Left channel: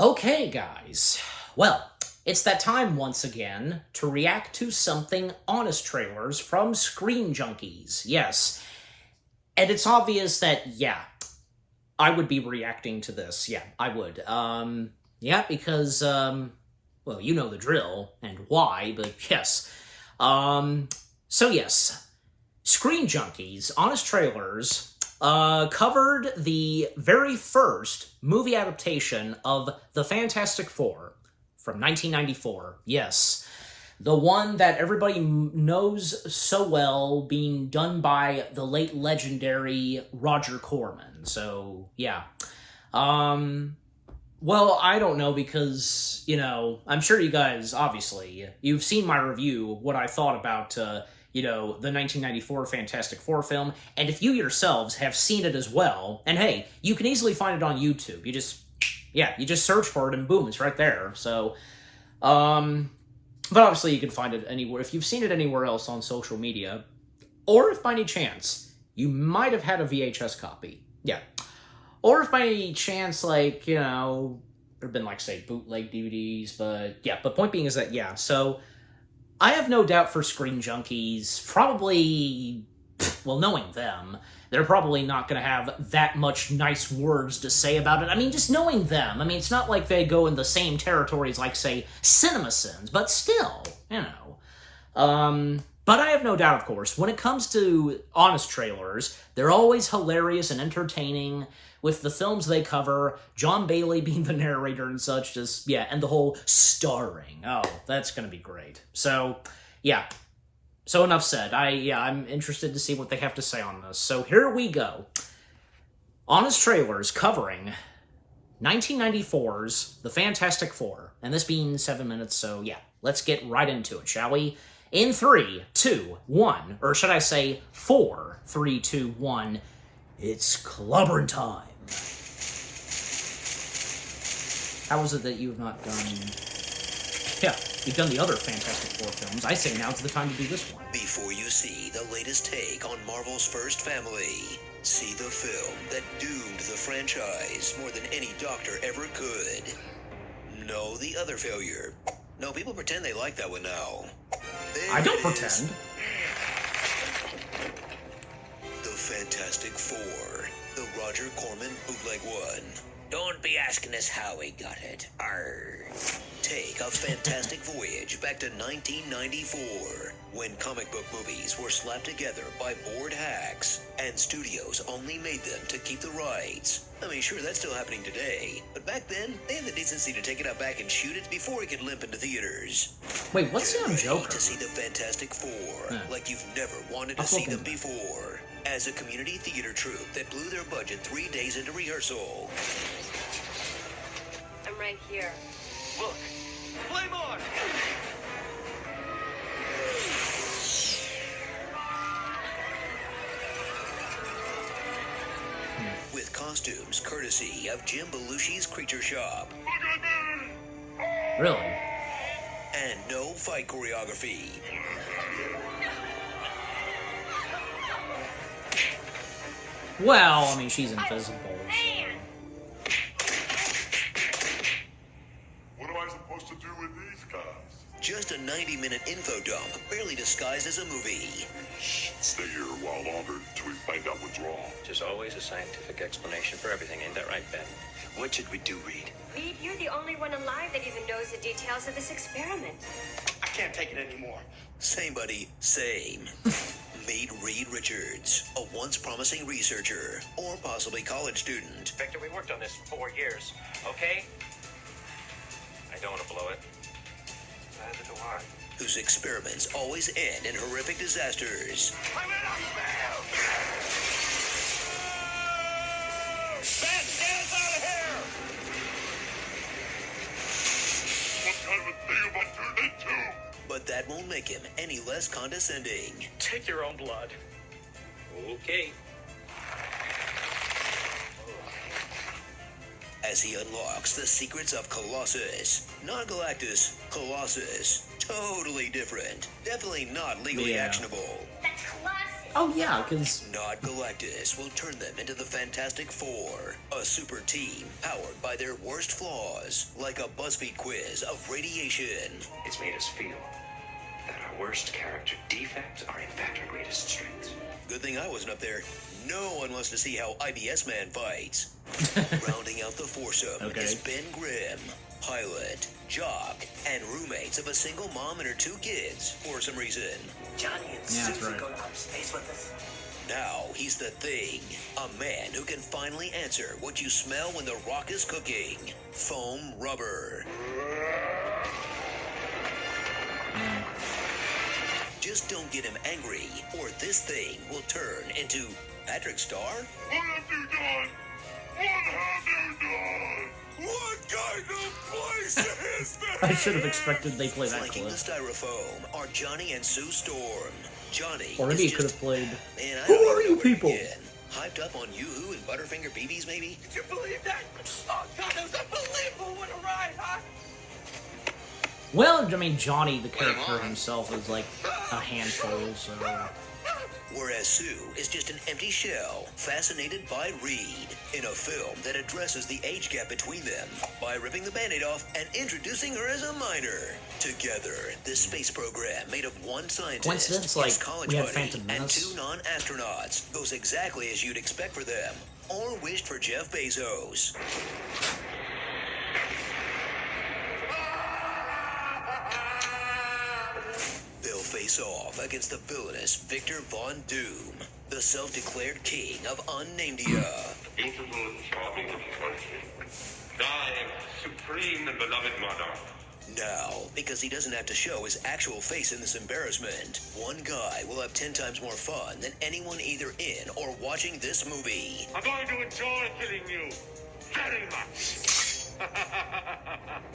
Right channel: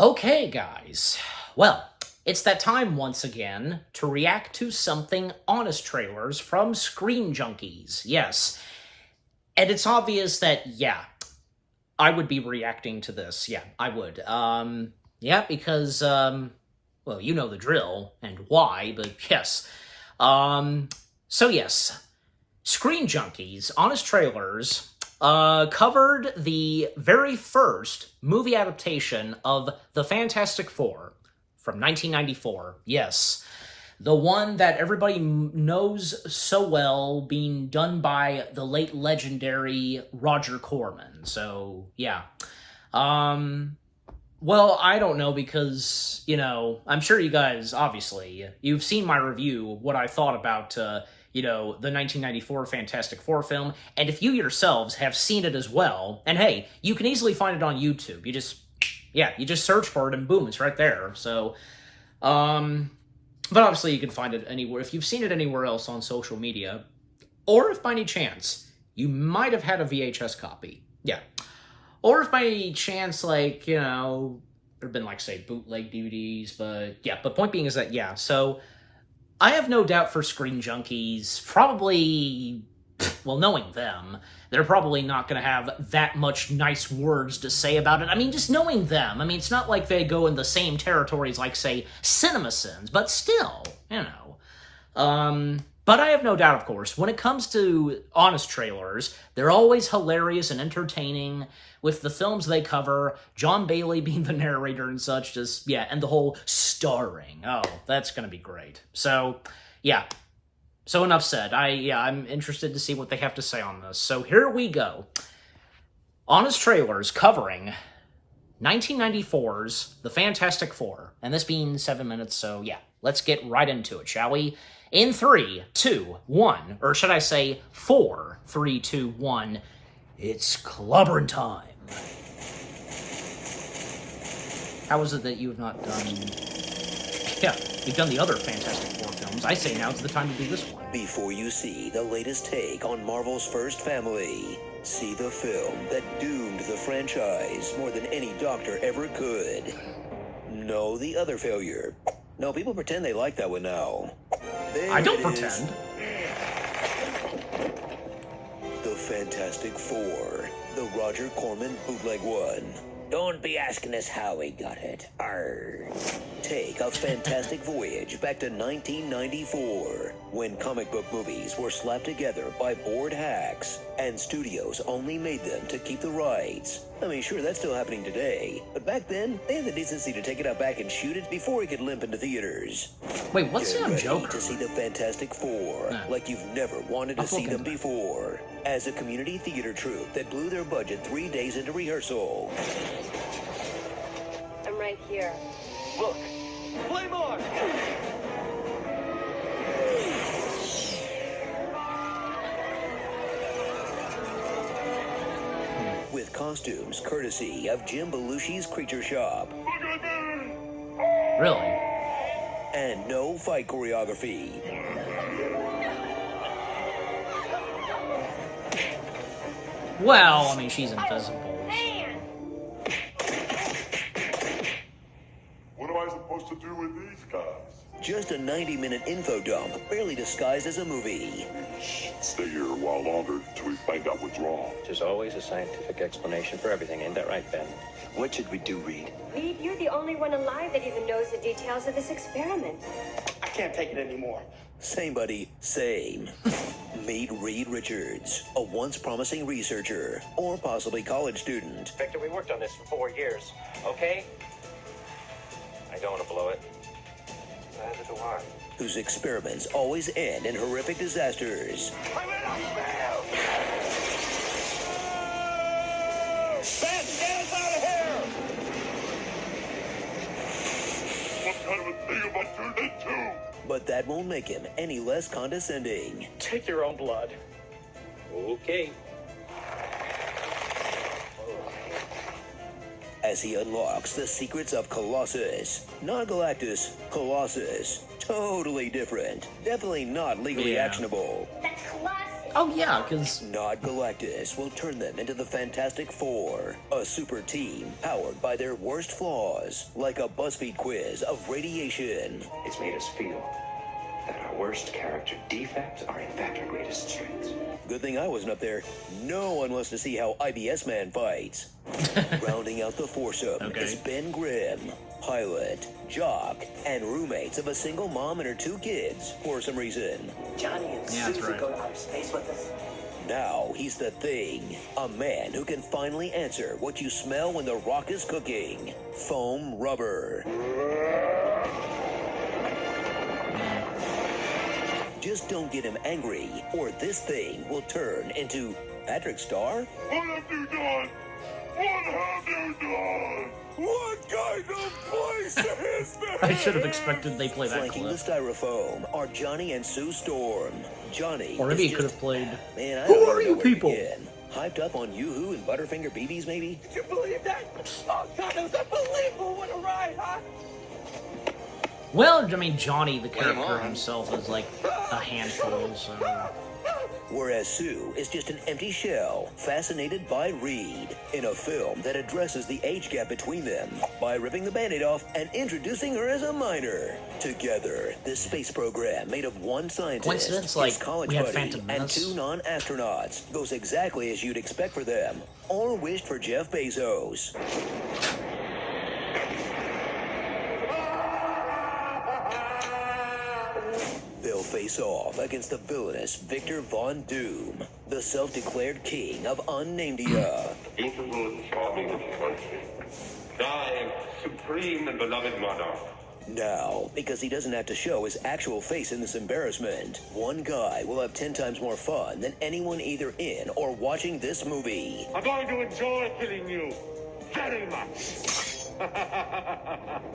Okay, guys. Well, it's that time once again to react to something honest trailers from Screen Junkies. Yes. And it's obvious that, yeah, I would be reacting to this. Yeah, I would. Yeah, because, well, you know the drill and why, but yes. So yes, Screen Junkies, Honest Trailers, covered the very first movie adaptation of The Fantastic Four from 1994. Yes, the one that everybody knows so well, being done by the late legendary Roger Corman. So, yeah. Well, I don't know because, I'm sure you guys, obviously, you've seen my review, what I thought about, the 1994 Fantastic Four film, and if you yourselves have seen it as well, and hey, you can easily find it on YouTube. You just search for it and boom, it's right there. So, but obviously you can find it anywhere. If you've seen it anywhere else on social media, or if by any chance you might have had a VHS copy. Yeah. Or if by any chance, like, there've been, like, say, bootleg DVDs, but yeah. But point being is that, yeah, so I have no doubt for Screen Junkies, probably, well, knowing them, they're probably not going to have that much nice words to say about it. I mean, just knowing them, I mean, it's not like they go in the same territories like, say, CinemaSins, but still, But I have no doubt, of course, when it comes to honest trailers, they're always hilarious and entertaining with the films they cover, John Bailey being the narrator and such, and the whole starring. Oh, that's going to be great. So, yeah. So enough said. I'm interested to see what they have to say on this. So here we go. Honest Trailers covering 1994's The Fantastic Four. And this being 7 minutes, so yeah. Let's get right into it, shall we? In 3, 2, 1, or should I say 4, 3, 2, 1, it's clobbering time. How is it that you have not done... Yeah, you've done the other Fantastic Four films. I say now's the time to do this one. Before you see the latest take on Marvel's first family, see the film that doomed the franchise more than any doctor ever could. Know the other failure. No, people pretend they like that one now. I don't pretend. The Fantastic Four. The Roger Corman bootleg one. Don't be asking us how we got it. Arr. Take a fantastic voyage back to 1994, when comic book movies were slapped together by bored hacks, and studios only made them to keep the rights. I mean, sure, that's still happening today, but back then, they had the decency to take it out back and shoot it before it could limp into theaters. Wait, what's Get the ready Joker? to see the Fantastic Four, like you've never wanted to see them before. As a community theater troupe that blew their budget 3 days into rehearsal. I'm right here. Look, play more! With costumes courtesy of Jim Belushi's Creature Shop. Really? And no fight choreography. Well, I mean, she's invisible, so... What am I supposed to do with these guys? Just a 90-minute info dump, barely disguised as a movie. Stay here a while longer till we find out what's wrong. There's always a scientific explanation for everything, ain't that right, Ben? What should we do, Reed? Reed, you're the only one alive that even knows the details of this experiment. I can't take it anymore. Same, buddy, same. Meet Reed Richards, a once promising researcher, or possibly college student. Victor, we worked on this for 4 years, okay? I don't want to blow it. Neither do I. Whose experiments always end in horrific disasters. Ben, get us out of here! What kind of a thing am I turned into? But that won't make him any less condescending. Take your own blood. Okay. As he unlocks the secrets of Colossus. Not Galactus, Colossus. Totally different. Definitely not legally Yeah. actionable. The Colossus Oh yeah, because Not Galactus will turn them into the Fantastic Four, a super team powered by their worst flaws, like a BuzzFeed quiz of radiation. It's made us feel that our worst character defects are in fact our greatest strengths. Good thing I wasn't up there. No one wants to see how IBS Man fights. Rounding out the foursome Okay. is Ben Grimm, pilot, jock, and roommates of a single mom and her 2 kids for some reason. Johnny and Yeah, that's Susie right. go out of space with us. Now he's the Thing, a man who can finally answer what you smell when the rock is cooking. Foam rubber. Just don't get him angry, or this thing will turn into Patrick Star? What have you done? What have you done? What kind of place is this? I should have expected they play that Flanking the clip. styrofoam are Johnny and Sue Storm. Johnny Or maybe is he could just- have played. Man, I Who don't are know you where to people? begin. Hyped up on Yoo-Hoo and Butterfinger BBs, maybe? Did you believe that? Oh, God, it was unbelievable. What a ride, huh? Well, I mean, Johnny, the character himself, is like a handful, so. Whereas Sue is just an empty shell, fascinated by Reed, in a film that addresses the age gap between them by ripping the Band-Aid off and introducing her as a minor. Together, this space program made of one scientist, Coincidence, his like, college we had buddy, Phantom and Menace. 2 non-astronauts, goes exactly as you'd expect for them, or wished for Jeff Bezos. They'll face off against the villainous Victor Von Doom, the self-declared king of Unnamdia. Beautiful, charming country. Thy supreme and beloved monarch. Now, because he doesn't have to show his actual face in this embarrassment, one guy will have 10 times more fun than anyone either in or watching this movie. I'm going to enjoy killing you very much.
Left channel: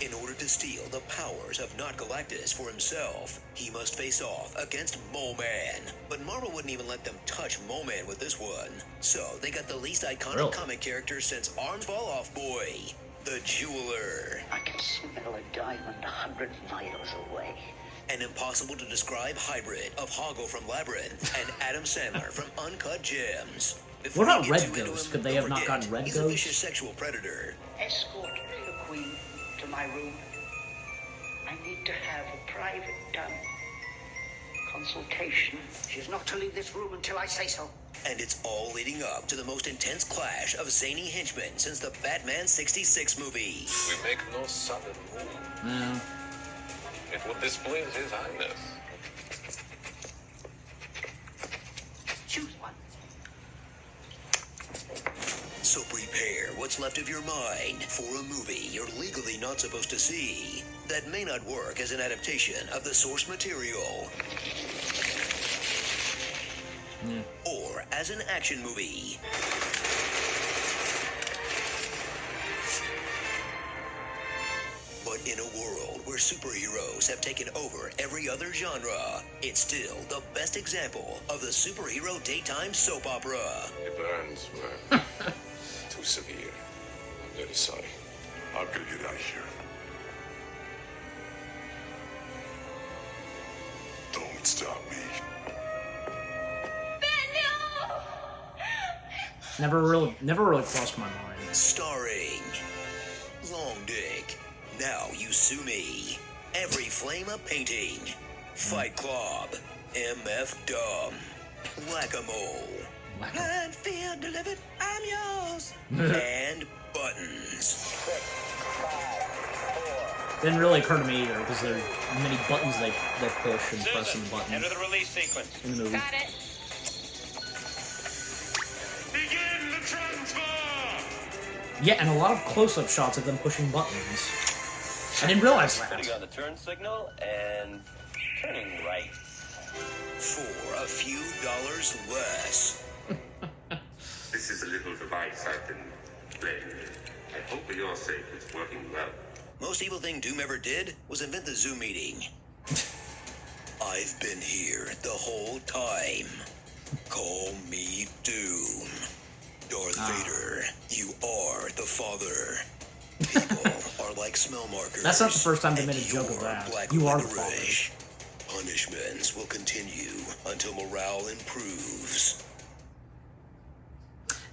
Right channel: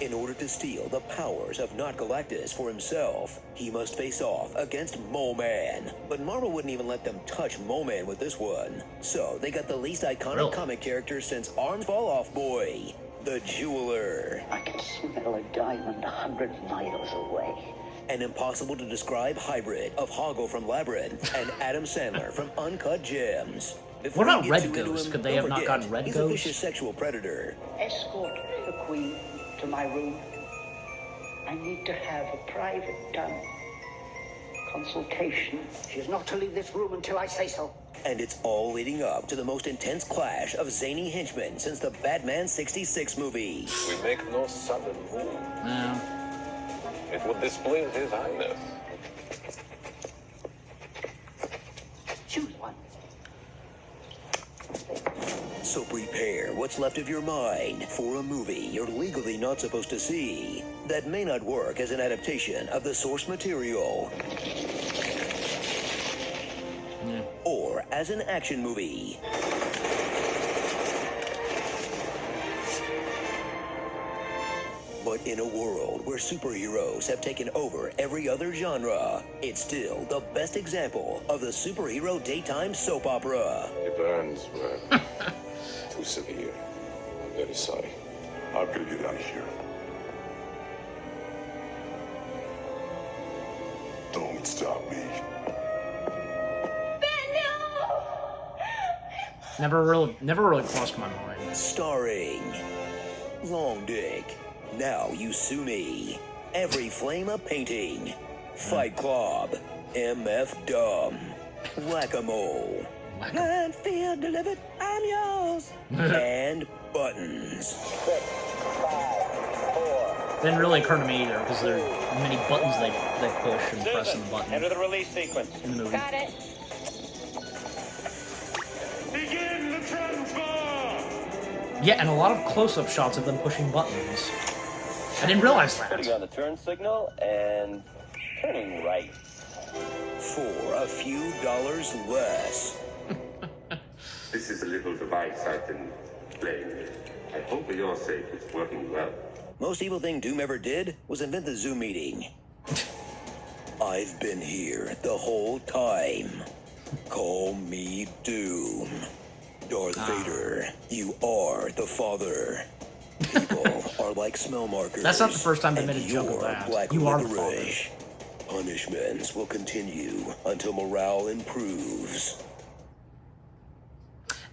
In order to steal the powers of Not Galactus for himself, he must face off against Mole Man. But Marvel wouldn't even let them touch Mole Man with this one. So they got the least iconic Really? comic character since Arms Fall Off Boy, the Jeweler. I can smell a diamond 100 miles away. An impossible to describe hybrid of Hoggle from Labyrinth and Adam Sandler from Uncut Gems. Before What about you get Red too into Ghost? him, Could they don't have not forget, gotten Red he's Ghost? a vicious sexual predator. Escort the Queen to my room. I need to have a private consultation. She's not to leave this room until I say so. And it's all leading up to the most intense clash of zany henchmen since the Batman 66 movie. We make no sudden move. Well, It would displease His Highness. Choose one. So prepare what's left of your mind for a movie you're legally not supposed to see that may not work as an adaptation of the source material. Or as an action movie. But in a world where superheroes have taken over every other genre, it's still the best example of the superhero daytime soap opera. The burns were too severe. I'm very sorry. How can I get out of here? Don't stop me. never really crossed my mind. Starring Long Dick, Now You Sue Me, Every Flame a Painting, Fight Club, MF Dumb, Whack-A-Mole, and feel delivered, I'm yours, and Buttons. Didn't really occur to me either, because there are many buttons they push and press in the button Enter the release sequence. in the movie. Begin the transfer! Yeah, and a lot of close-up shots of them pushing buttons. I didn't realize that. Putting on the turn signal and turning right. For a few dollars less. This is a little device I can play with. I hope for your sake it's working well. Most evil thing Doom ever did was invent the Zoom meeting. I've been here the whole time. Call me Doom. Darth Vader, you are the father. People are like smell markers. That's not the first time they made a and joke of you're that. Black You are the licorice. punishments will continue until morale improves.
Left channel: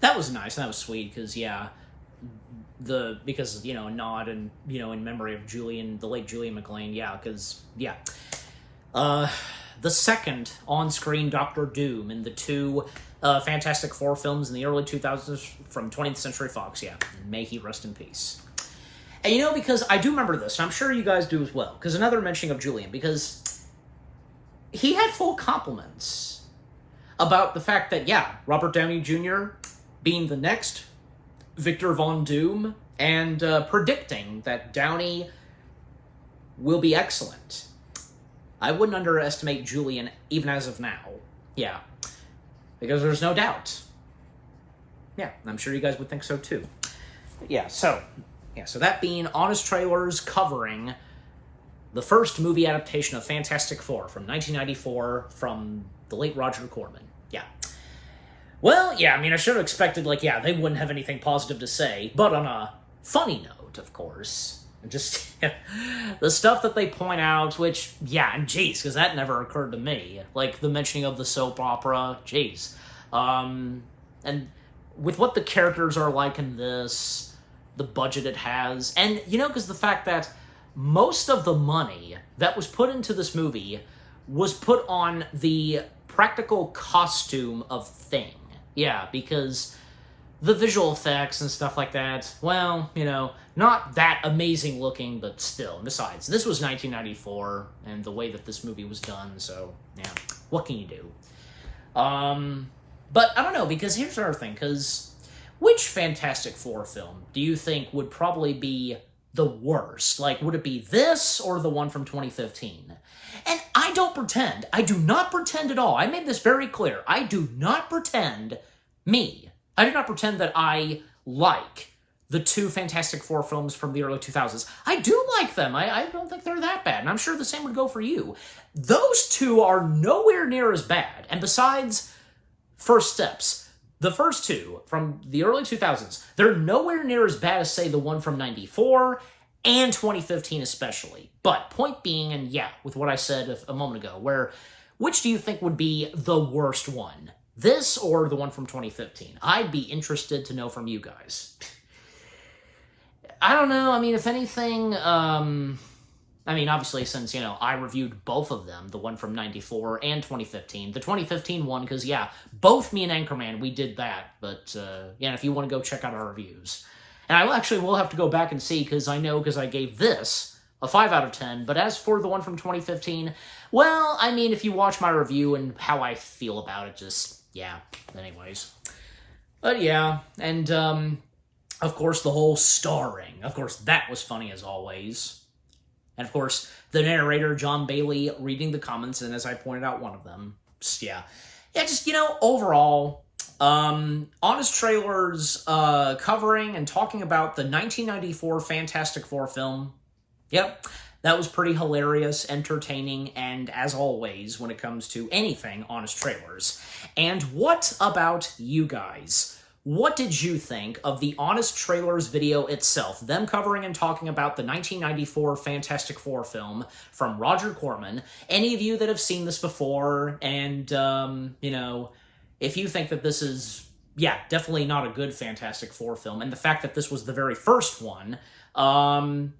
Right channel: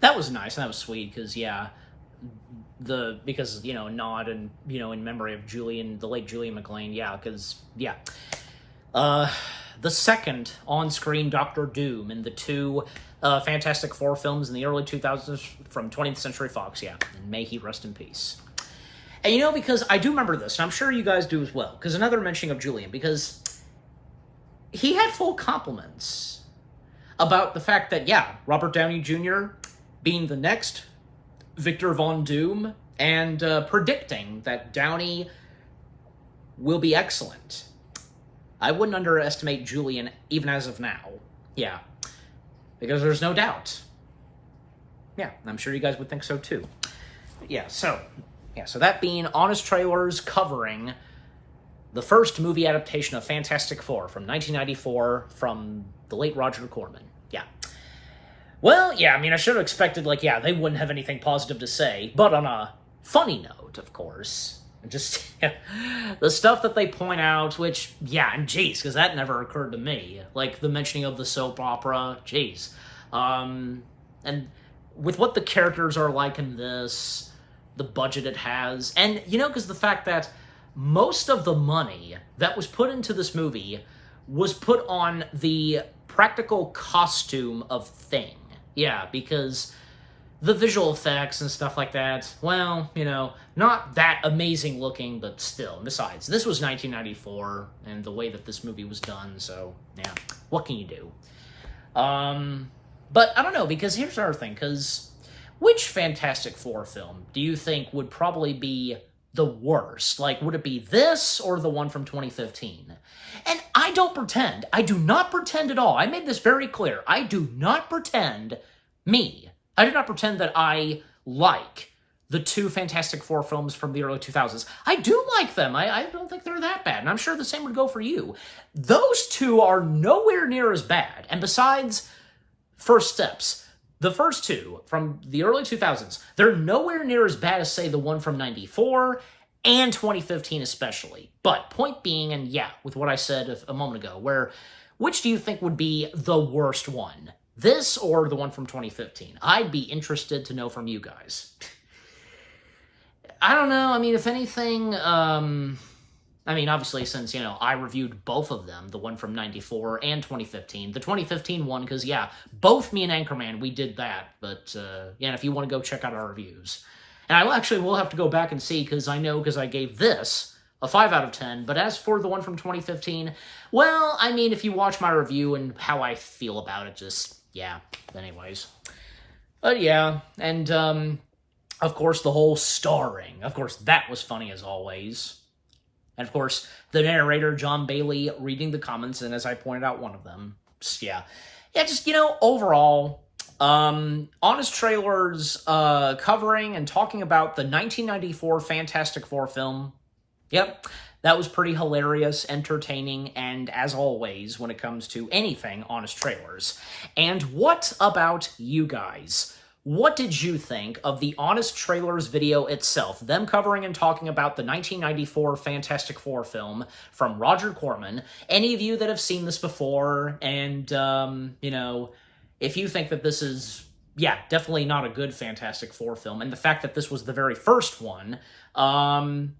That was nice, and that was sweet, because, yeah, because, you know, a nod and, you know, in memory of the late Julian McLean, yeah, because, yeah. The second on-screen Doctor Doom in the two Fantastic Four films in the early 2000s from 20th Century Fox, yeah, and may he rest in peace. And, you know, because I do remember this, and I'm sure you guys do as well, because another mentioning of Julian, because he had full compliments about the fact that, yeah, Robert Downey Jr. being the next Victor Von Doom, and predicting that Downey will be excellent. I wouldn't underestimate Julian, even as of now. Yeah. Because there's no doubt. Yeah, I'm sure you guys would think so too. But yeah, so that being Honest Trailers covering the first movie adaptation of Fantastic Four from 1994 from the late Roger Corman. Yeah. Well, yeah, I mean, I should have expected, like, yeah, they wouldn't have anything positive to say, but on a funny note, of course. Just the stuff that they point out, which, yeah, and geez, because that never occurred to me. Like, the mentioning of the soap opera, geez. And with what the characters are like in this, the budget it has, and, you know, because the fact that most of the money that was put into this movie was put on the practical costume of Thing. Yeah, because the visual effects and stuff like that, well, you know, not that amazing looking, but still. Besides, this was 1994, and the way that this movie was done, so, yeah, what can you do? But I don't know, because here's another thing, because which Fantastic Four film do you think would probably be the worst? Like, would it be this or the one from 2015? And I don't pretend. I do not pretend at all. I made this very clear. I do not pretend I do not pretend that I like the two Fantastic Four films from the early 2000s. I do like them. I don't think they're that bad, and I'm sure the same would go for you. Those two are nowhere near as bad. And besides First Steps, the first two from the early 2000s, they're nowhere near as bad as, say, the one from 94 and 2015 especially. But point being, and yeah, with what I said a moment ago, which do you think would be the worst one? This or the one from 2015? I'd be interested to know from you guys. I don't know. I mean, if anything, I mean, obviously, since, you know, I reviewed both of them, the one from 94 and 2015. The 2015 one, because, yeah, both me and Anchorman, we did that. But, yeah, if you want to go check out our reviews. And I actually will have to go back and see, because I gave this a 5 out of 10, but as for the one from 2015, well, I mean, if you watch my review and how I feel about it, just, yeah, anyways. But yeah, and, of course, the whole starring. Of course, that was funny as always. And, of course, the narrator, John Bailey, reading the comments, and as I pointed out, one of them. Just, yeah, just, you know, overall, Honest Trailers, covering and talking about the 1994 Fantastic Four film. Yep, that was pretty hilarious, entertaining, and as always, when it comes to anything Honest Trailers. And what about you guys? What did you think of the Honest Trailers video itself? Them covering and talking about the 1994 Fantastic Four film from Roger Corman. Any of you that have seen this before, and, you know, if you think that this is, yeah, definitely not a good Fantastic Four film, and the fact that this was the very first one,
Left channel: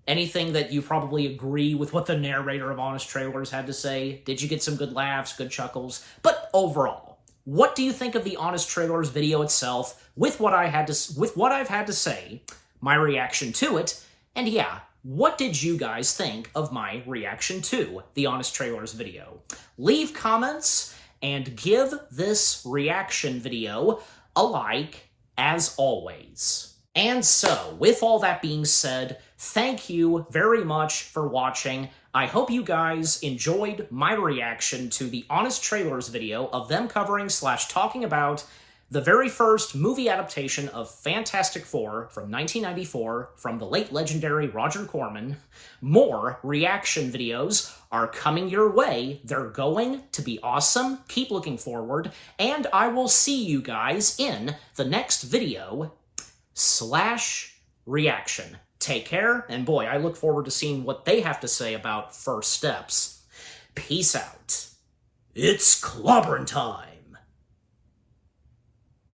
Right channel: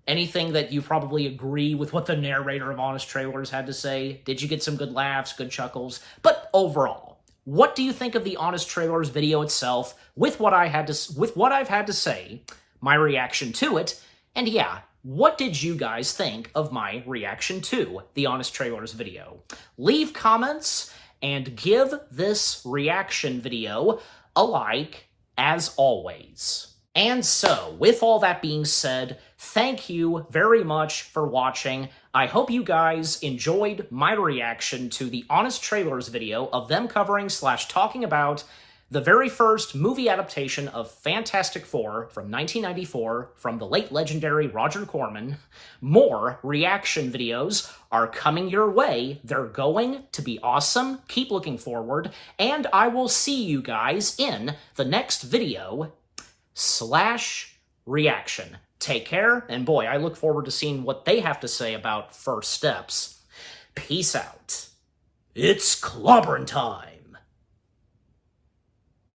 anything that you probably agree with what the narrator of Honest Trailers had to say? Did you get some good laughs, good chuckles? But overall, what do you think of the Honest Trailers video itself, with what I've had to say, my reaction to it, and yeah, what did you guys think of my reaction to the Honest Trailers video? Leave comments and give this reaction video a like, as always. And so, with all that being said, thank you very much for watching. I hope you guys enjoyed my reaction to the Honest Trailers video of them covering / talking about the very first movie adaptation of Fantastic Four from 1994 from the late legendary Roger Corman. More reaction videos are coming your way. They're going to be awesome. Keep looking forward, and I will see you guys in the next video / reaction. Take care, and boy, I look forward to seeing what they have to say about First Steps. Peace out. It's clobbering time.